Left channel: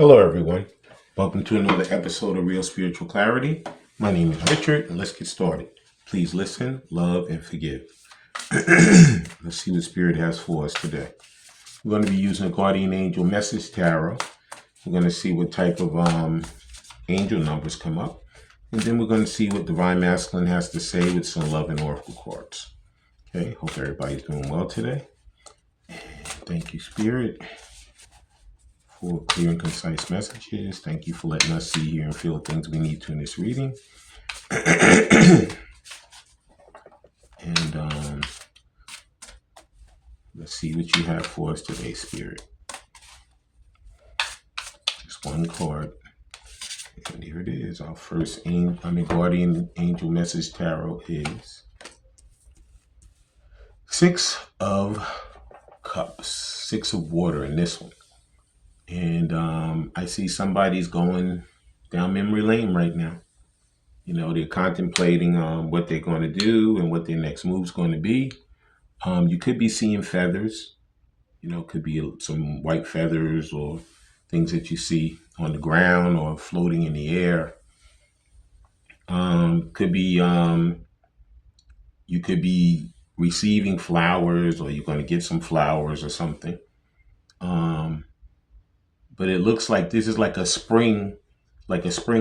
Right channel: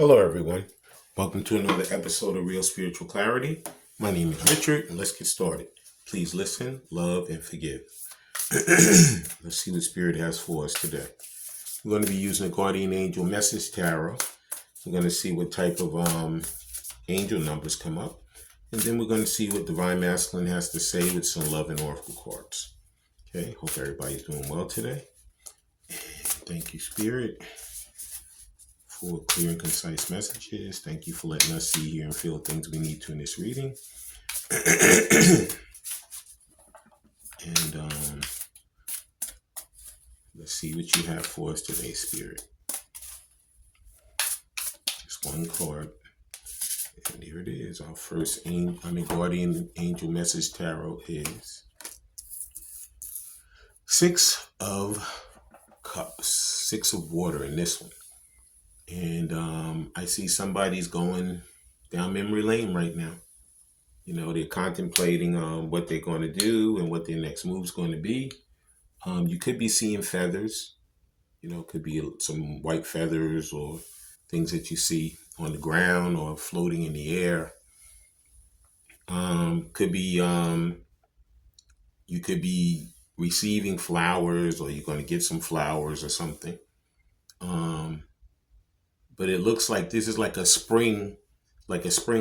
Hello, everyone. Welcome to another episode of Real Spiritual Clarity. My name is Richard, and let's get started. Please listen, love, and forgive. Let's see what Spirit has for us today. We're going to be using a Guardian Angel Message Tarot. We're going to see what type of angel numbers come up. And then we're going to see what Divine Masculine has to say with some love and oracle cards. Okay, hope everybody's doing well today. And thank you, Spirit, for clear and concise messages. Thank you for letting us see, hear, and feel the things we need to in this reading. And let's see what you have for us today, Spirit. Just one card. And here it is. Our first Guardian Angel Message Tarot is Six of Cups. Six of Water in this one. And I see somebody's going down memory lane right now. You know, they're contemplating what they're going to do and what their next move's going to be. You could be seeing feathers. You know, could be some white feathers or things that you see on the ground or floating in the air. Could be you could be receiving flowers, or you're going to get some flowers or something. But it looks like this is like a spring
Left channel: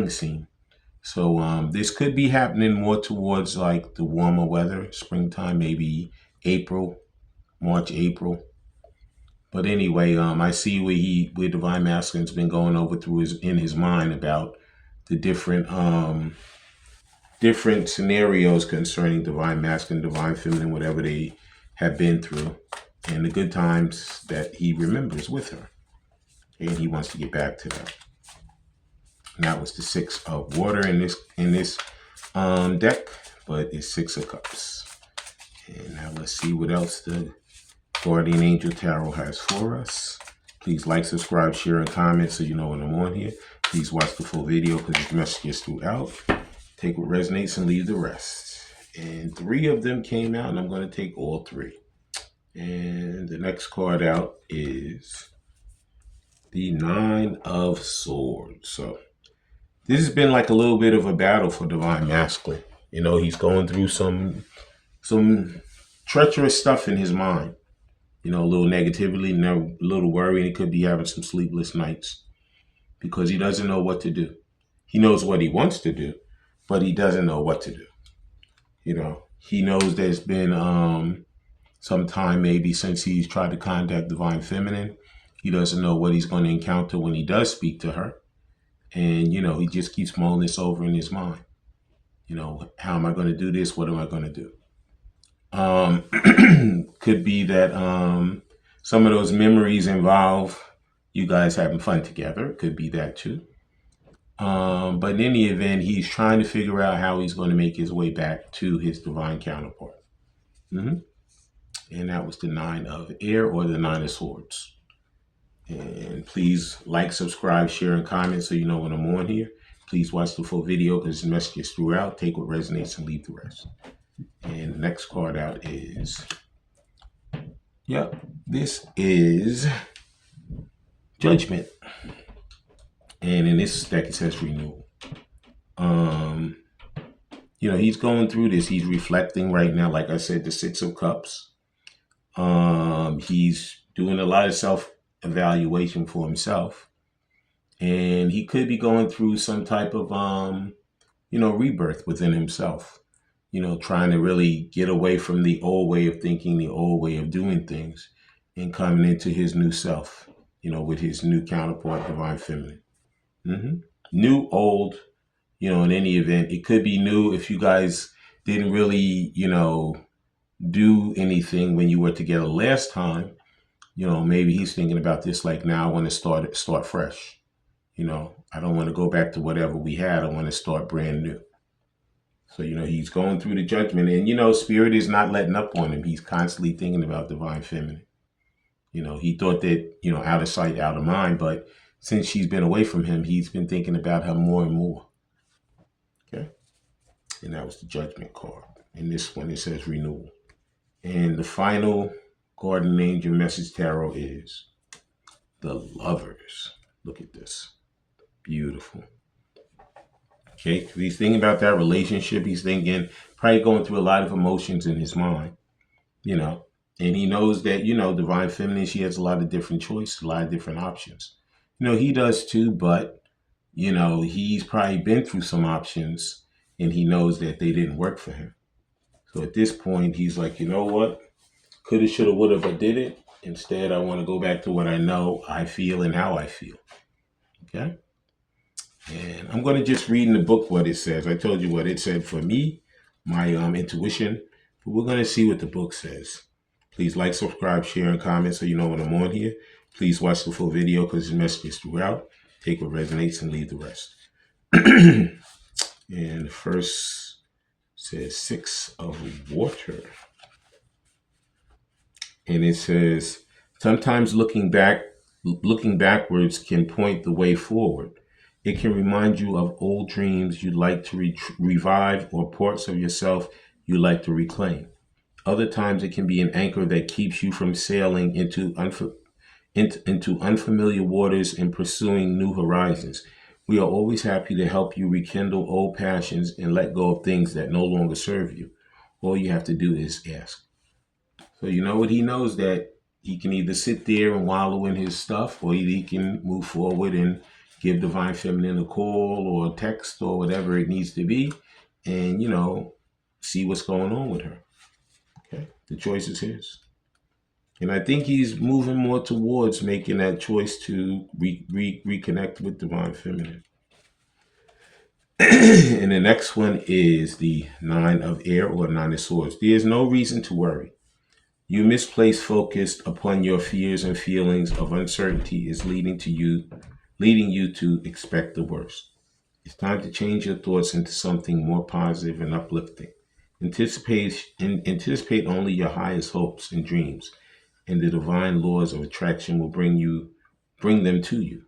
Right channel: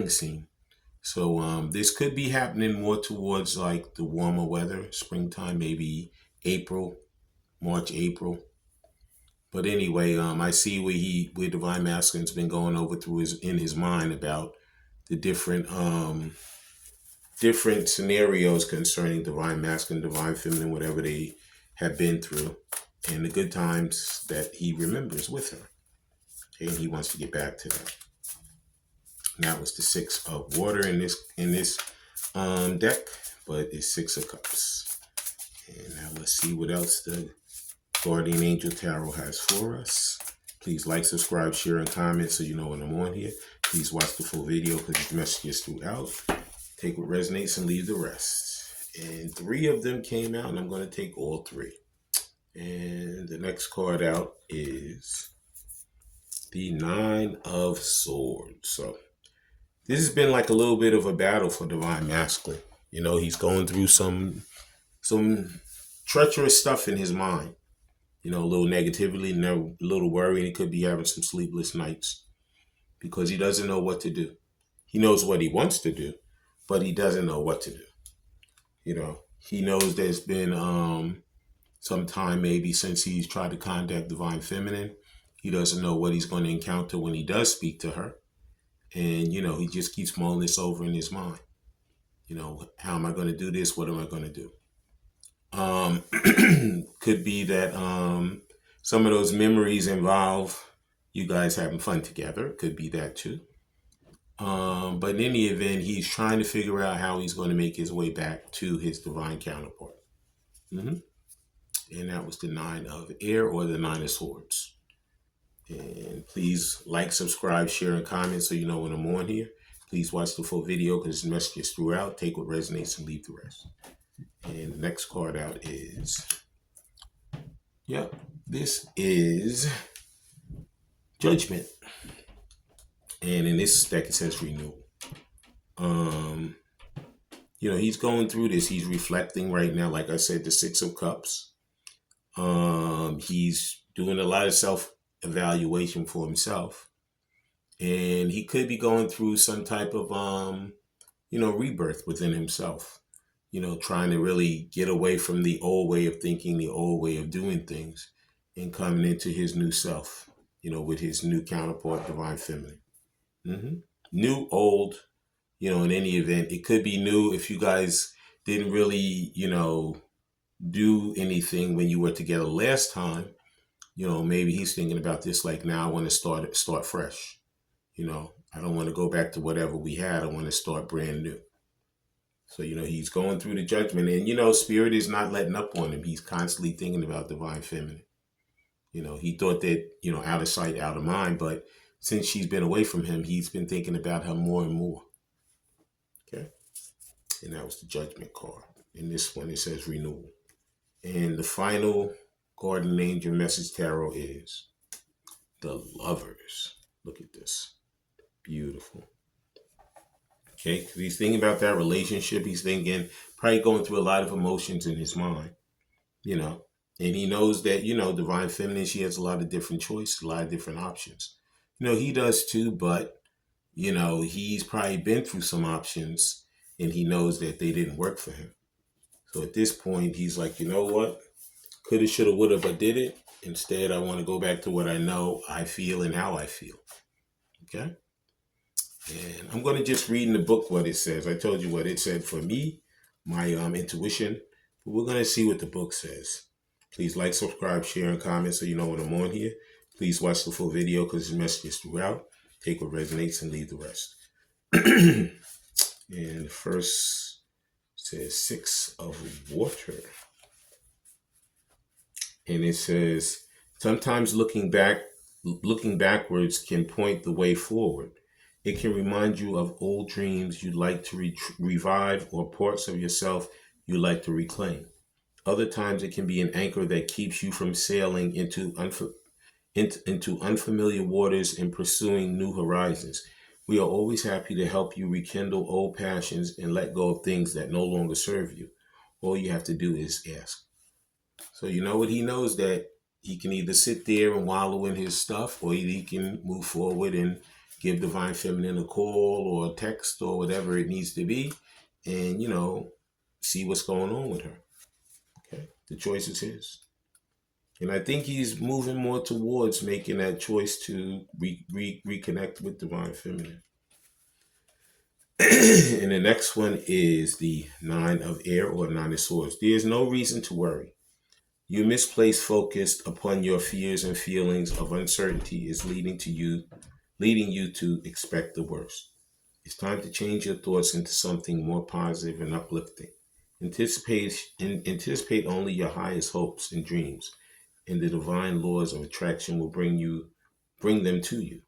scene. So this could be happening more towards like the warmer weather, springtime, maybe March, April. But anyway, I see where Divine Masculine's been going over in his mind about the different scenarios concerning Divine Masculine, Divine Feminine, whatever they have been through, and the good times that he remembers with her. And he wants to get back to that. And that was the Six of Water in this deck, but it's Six of Cups. And now let's see what else the Guardian Angel Tarot has for us. Please like, subscribe, share, and comment so you know when I'm on here. Please watch the full video because there's messages throughout. Take what resonates and leave the rest. And 3 of them came out, and I'm going to take all 3. And the next card out is the Nine of Swords. So this has been like a little bit of a battle for Divine Masculine. You know, he's going through some treacherous stuff in his mind. You know, a little negativity, a little worry, and he could be having some sleepless nights because he doesn't know what to do. He knows what he wants to do, but he doesn't know what to do. You know, he knows there's been some time maybe since he's tried to contact Divine Feminine. He doesn't know what he's going to encounter when he does speak to her. And, you know, he just keeps mulling this over in his mind. You know, how am I going to do this? What am I going to do? Could be that some of those memories involve you guys having fun together. Could be that too. But in any event, he's trying to figure out how he's going to make his way back to his divine counterpart. And that was the Nine of Air, or the Nine of Swords. And please like, subscribe, share, and comment so you know when I'm on here. Please watch the full video because there's messages throughout. Take what resonates and leave the rest. And the next card out is, this is Judgment. And in this deck it says Renewal. You know, he's going through this. He's reflecting right now. Like I said, the Six of Cups. He's doing a lot of self-evaluation for himself. And he could be going through some type of, rebirth within himself. You know, trying to really get away from the old way of thinking, the old way of doing things, and coming into his new self, you know, with his new counterpart, Divine Feminine. New, old, you know, in any event, it could be new if you guys didn't really, you know, do anything when you were together last time. You know, maybe he's thinking about this like, now I want to start fresh. You know, I don't want to go back to whatever we had. I want to start brand new. So, you know, he's going through the judgment, and, you know, Spirit is not letting up on him. He's constantly thinking about Divine Feminine. You know, he thought that, you know, out of sight, out of mind, but since she's been away from him, he's been thinking about her more and more. Okay. And that was the Judgment card. And this one, it says Renewal. And the final Guardian Angel Message Tarot is the Lovers. Look at this. Princess. Beautiful. Okay, he's thinking about that relationship. He's thinking, probably going through a lot of emotions in his mind, you know. And he knows that, Divine Feminine, she has a lot of different choices, a lot of different options. He does too, but, he's probably been through some options and he knows that they didn't work for him. So at this point, he's like, you know what? Coulda, shoulda, woulda, but did it. Instead, I want to go back to what I know, I feel, and how I feel. Okay? And I'm going to just read in the book what it says. I told you what it said for me, my intuition. But we're going to see what the book says. Please like, subscribe, share, and comment so you know when I'm on here. Please watch the full video because there's messages throughout. Take what resonates and leave the rest. And the first says 6 of water. And it says, sometimes looking backwards can point the way forward. It can remind you of old dreams you'd like to revive or parts of yourself you'd like to reclaim. Other times it can be an anchor that keeps you from sailing into unfamiliar waters and pursuing new horizons. We are always happy to help you rekindle old passions and let go of things that no longer serve you. All you have to do is ask. So you know what? He knows that he can either sit there and wallow in his stuff, or he can move forward and give Divine Feminine a call or a text or whatever it needs to be, and, see what's going on with her. Okay? The choice is his. And I think he's moving more towards making that choice to reconnect with Divine Feminine. And the next one is the 9 of Air or 9 of Swords. There's no reason to worry. Your misplaced focus upon your fears and feelings of uncertainty is leading you to expect the worst. It's time to change your thoughts into something more positive and uplifting. Anticipate only your highest hopes and dreams, and the divine laws of attraction will bring them to you.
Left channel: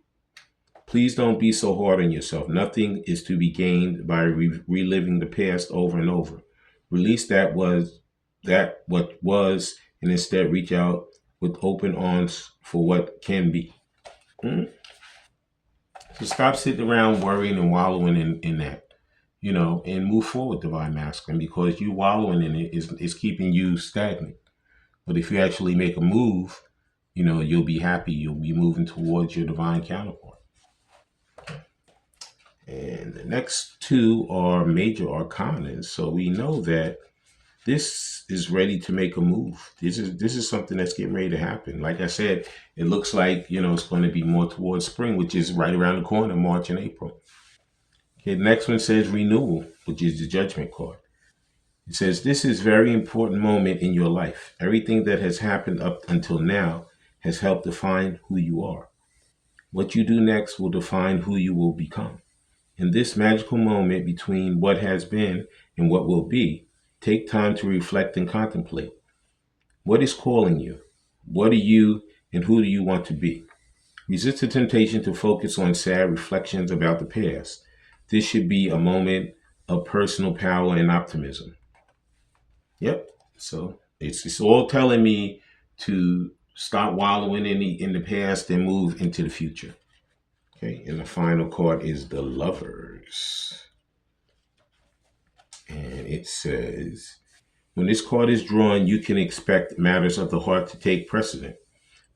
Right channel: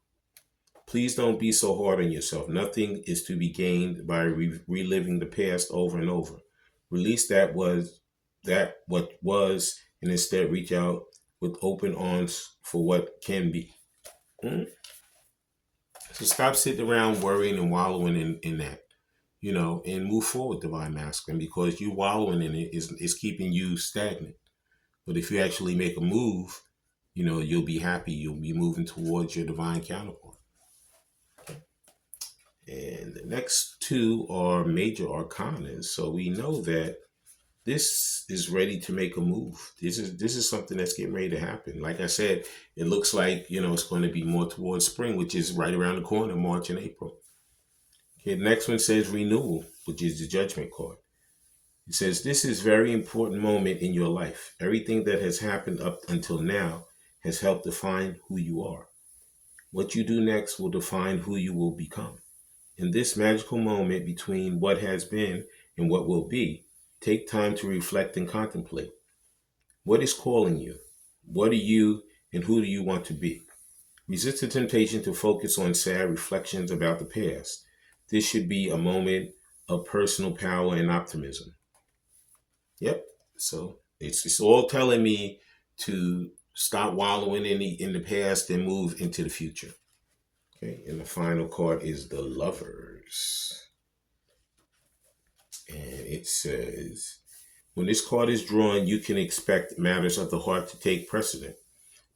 Please don't be so hard on yourself. Nothing is to be gained by reliving the past over and over. Release what was, and instead reach out with open arms for what can be. So stop sitting around worrying and wallowing in that, and move forward, Divine Masculine, because you wallowing in it is keeping you stagnant. But if you actually make a move, you'll be happy. You'll be moving towards your divine counterpart. And the next 2 are major arcanas. So we know that this is ready to make a move. This is something that's getting ready to happen. Like I said, it looks like, it's going to be more towards spring, which is right around the corner, March and April. Okay, the next one says renewal, which is the Judgment card. It says, this is a very important moment in your life. Everything that has happened up until now has helped define who you are. What you do next will define who you will become. In this magical moment between what has been and what will be, take time to reflect and contemplate. What is calling you? What are you and who do you want to be? Resist the temptation to focus on sad reflections about the past. This should be a moment of personal power and optimism. Yep. So it's all telling me to stop wallowing in the past and move into the future. Okay. And the final card is the Lovers. And it says, when this card is drawn, you can expect matters of the heart to take precedent.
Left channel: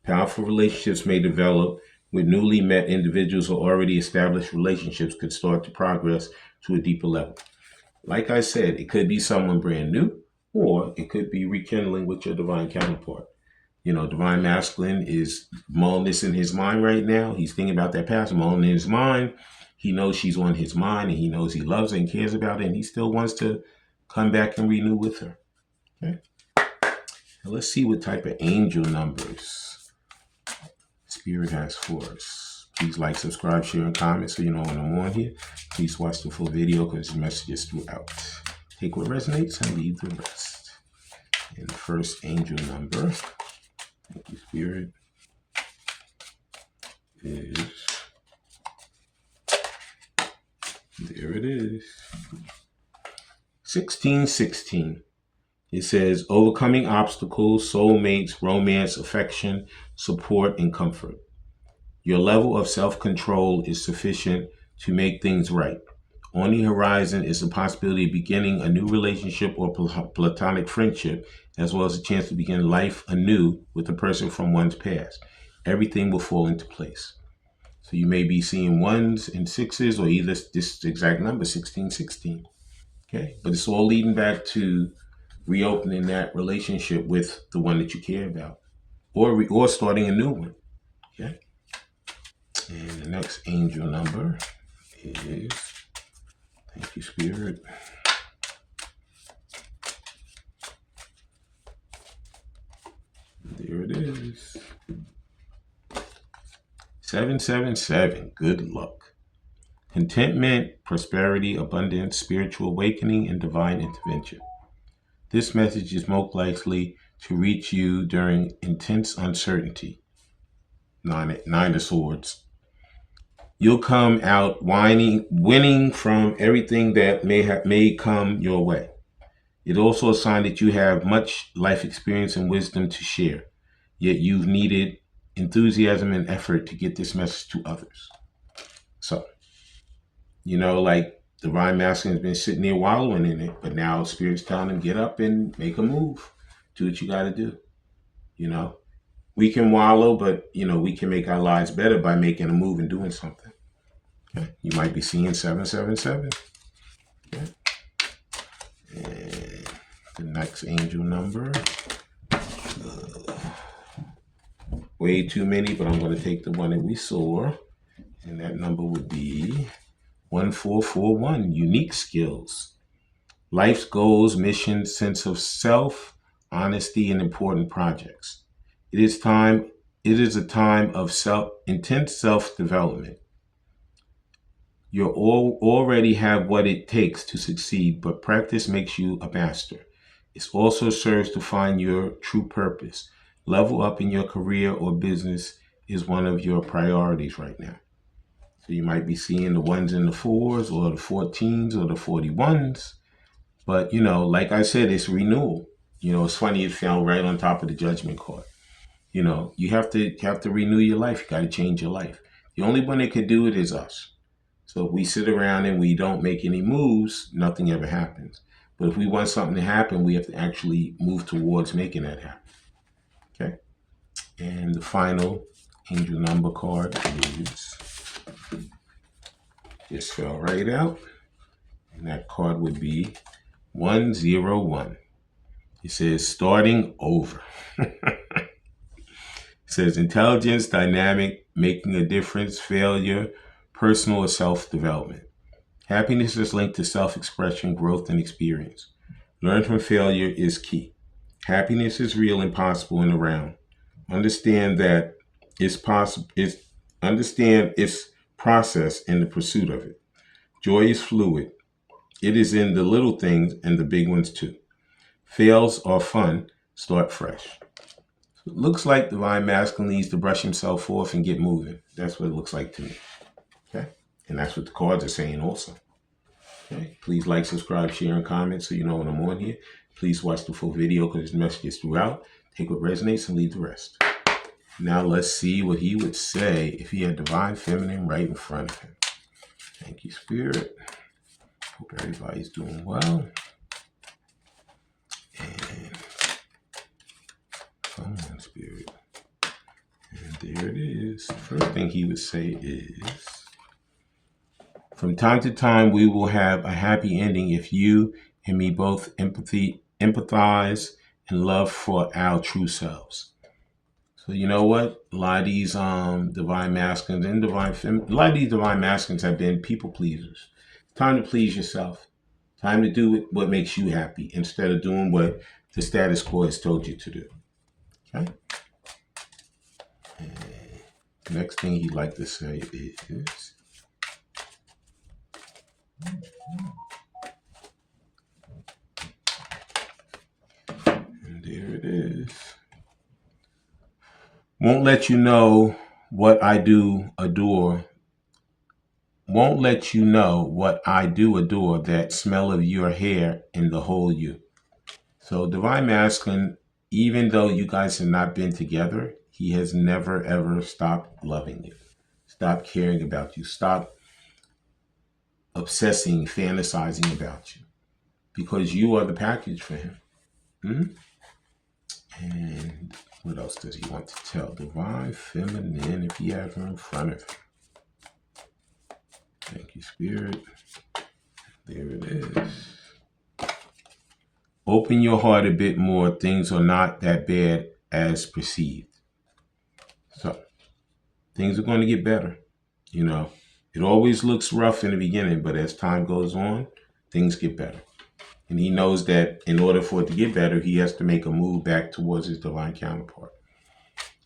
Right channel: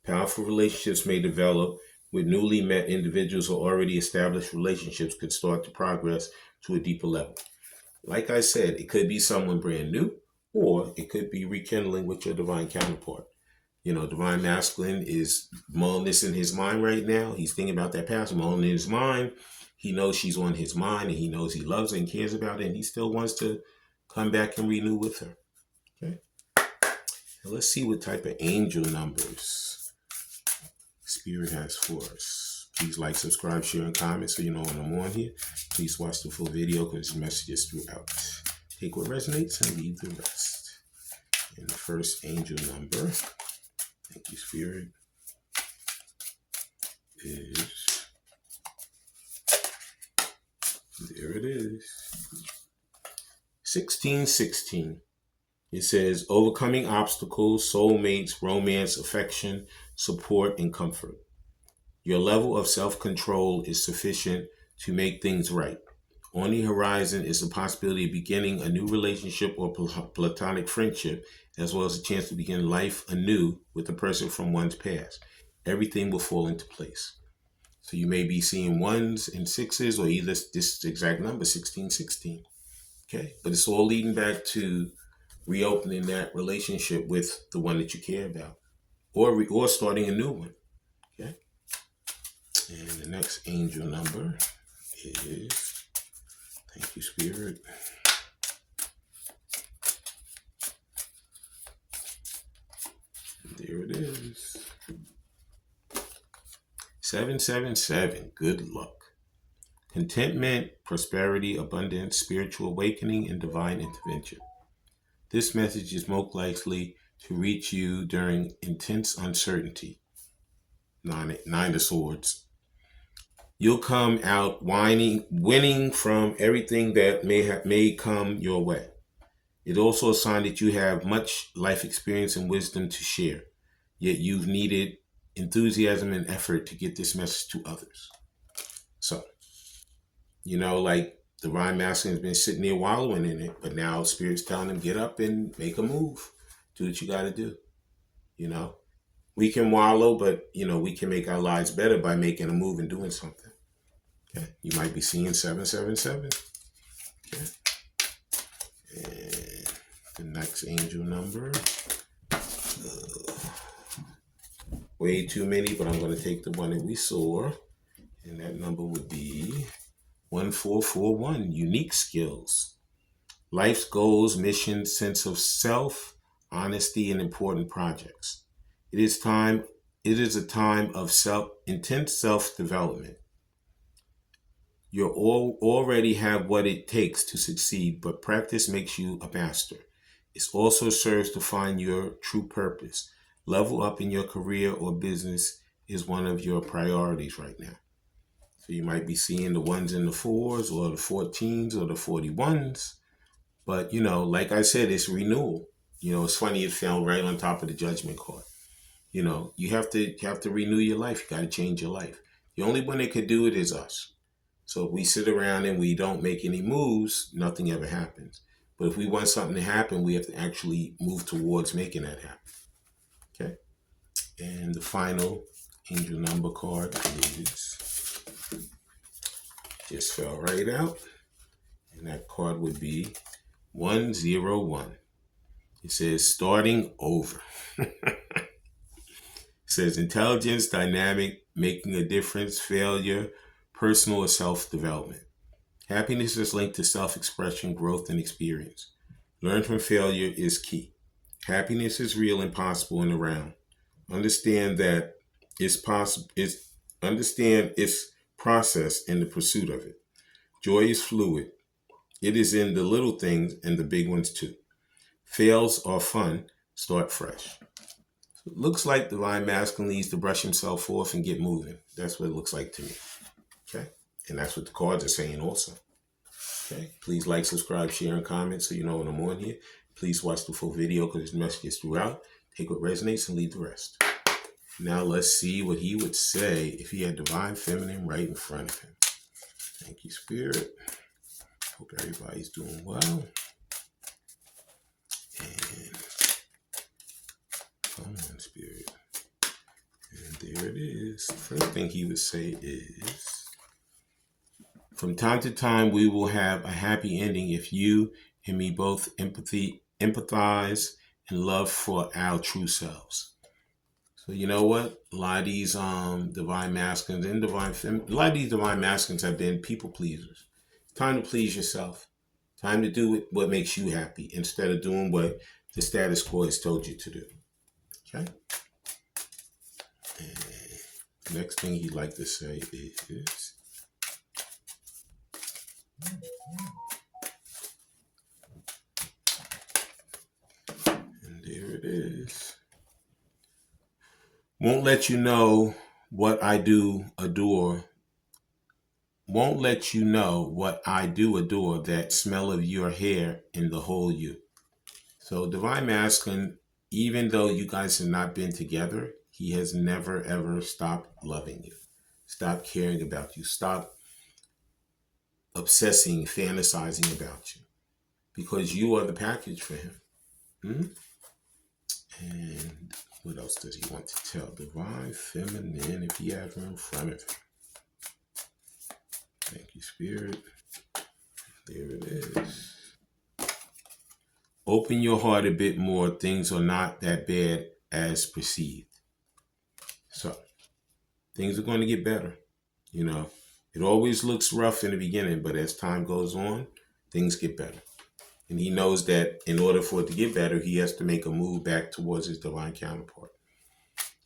Powerful relationships may develop with newly met individuals, or already established relationships could start to progress to a deeper level. Like I said, it could be someone brand new, or it could be rekindling with your divine counterpart. Divine Masculine is mulling this in his mind right now. He's thinking about that past, mulling in his mind. He knows she's on his mind, and he knows he loves her and cares about her, and he still wants to come back and renew with her. Okay. Now let's see what type of angel numbers Spirit has for us. Please like, subscribe, share, and comment so you know when I'm on here. Please watch the full video because the messages throughout. Take what resonates and leave the rest. And the first angel number, thank you, Spirit, is, there it is, 1616. It says, overcoming obstacles, soulmates, romance, affection, support, and comfort. Your level of self-control is sufficient to make things right. On the horizon is the possibility of beginning a new relationship or platonic friendship, as well as a chance to begin life anew with a person from one's past. Everything will fall into place. So you may be seeing ones and sixes, or either this exact number, 1616. Okay, but it's all leading back to reopening that relationship with the one that you care about, or starting a new one. Okay, and the next angel number is, thank you, Spirit. There it is. 777. Good luck. Contentment, prosperity, abundance, spiritual awakening, and divine intervention. This message is most likely to reach you during intense uncertainty. Nine of Swords. You'll come out winning from everything that may come your way. It's also a sign that you have much life experience and wisdom to share, yet you've needed enthusiasm and effort to get this message to others. So, like Divine Masculine has been sitting there wallowing in it, but now Spirit's telling him, get up and make a move. Do what you got to do. We can wallow, but, we can make our lives better by making a move and doing something. Okay? You might be seeing 777. Okay? And the next angel number. Way too many, but I'm going to take the one that we saw. And that number would be 1441, unique skills. Life's goals, mission, sense of self, honesty, and important projects. It is a time of intense self-development. You already have what it takes to succeed, but practice makes you a master. It also serves to find your true purpose. Level up in your career or business is one of your priorities right now. So you might be seeing the ones and the fours, or the 14s, or the 41s. But, like I said, it's renewal. It's funny, it fell right on top of the judgment card. You have to renew your life. You got to change your life. The only one that could do it is us. So if we sit around and we don't make any moves, nothing ever happens. But if we want something to happen, we have to actually move towards making that happen. Okay? And the final angel number card is, just fell right out. And that card would be 101. It says starting over. It says intelligence, dynamic, making a difference, failure, personal or self-development. Happiness is linked to self-expression, growth, and experience. Learn from failure is key. Happiness is real and possible and around. Understand that it's possible. Understand its process in the pursuit of it. Joy is fluid. It is in the little things and the big ones too. Fails are fun. Start fresh. So it looks like Divine Masculine needs to brush himself off and get moving. That's what it looks like to me. Okay? And that's what the cards are saying also. Okay? Please like, subscribe, share, and comment so you know when I'm on here. Please watch the full video because this message is throughout. Take what resonates and leave the rest. Now let's see what he would say if he had Divine Feminine right in front of him. Thank you, Spirit. Hope everybody's doing well. And come on, Spirit. And there it is. The first thing he would say is, from time to time, we will have a happy ending if you and me both empathize and love for our true selves. So you know what? A lot of these Divine Masculines and a lot of these Divine Masculines have been people pleasers. Time to please yourself. Time to do what makes you happy instead of doing what the status quo has told you to do. Okay? And the next thing he'd like to say is, and there it is. Won't let you know what I do adore. Won't let you know what I do adore, that smell of your hair in the whole you. So Divine Masculine, even though you guys have not been together, he has never ever stopped loving you. stop caring about you, stop obsessing, fantasizing about you, because you are the package for him. And what else does he want to tell? Divine Feminine, if he has her in front of him. Thank you, Spirit. There it is. Open your heart a bit more. Things are not that bad as perceived. So, things are going to get better. You know, it always looks rough in the beginning, but as time goes on, things get better. And he knows that in order for it to get better, he has to make a move back towards his divine counterpart.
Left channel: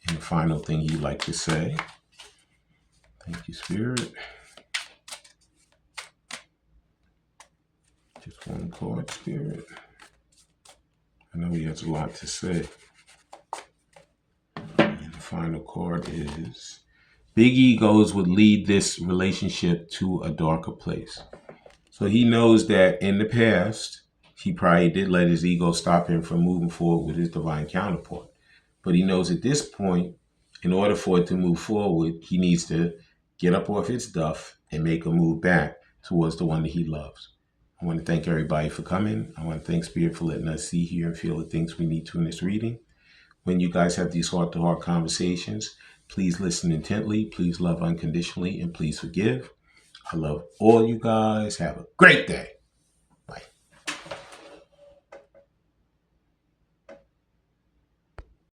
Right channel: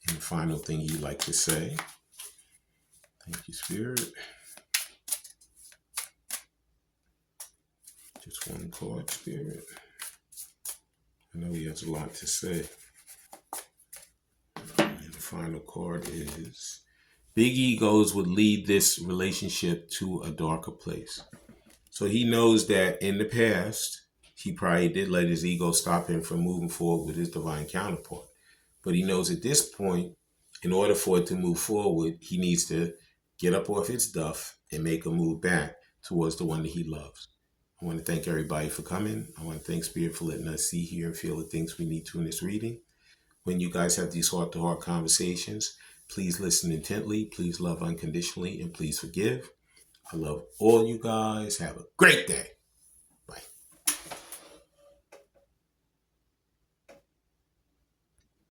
And the final thing he'd like to say. Thank you, Spirit. Just one card, Spirit. I know he has a lot to say. And the final card is, big egos would lead this relationship to a darker place. So he knows that in the past, he probably did let his ego stop him from moving forward with his divine counterpart. But he knows at this point, in order for it to move forward, he needs to get up off its duff and make a move back towards the one that he loves. I want to thank everybody for coming. I want to thank Spirit for letting us see, hear, and feel the things we need to in this reading. When you guys have these heart-to-heart conversations, please listen intently, please love unconditionally, and please forgive. I love all you guys. Have a great day.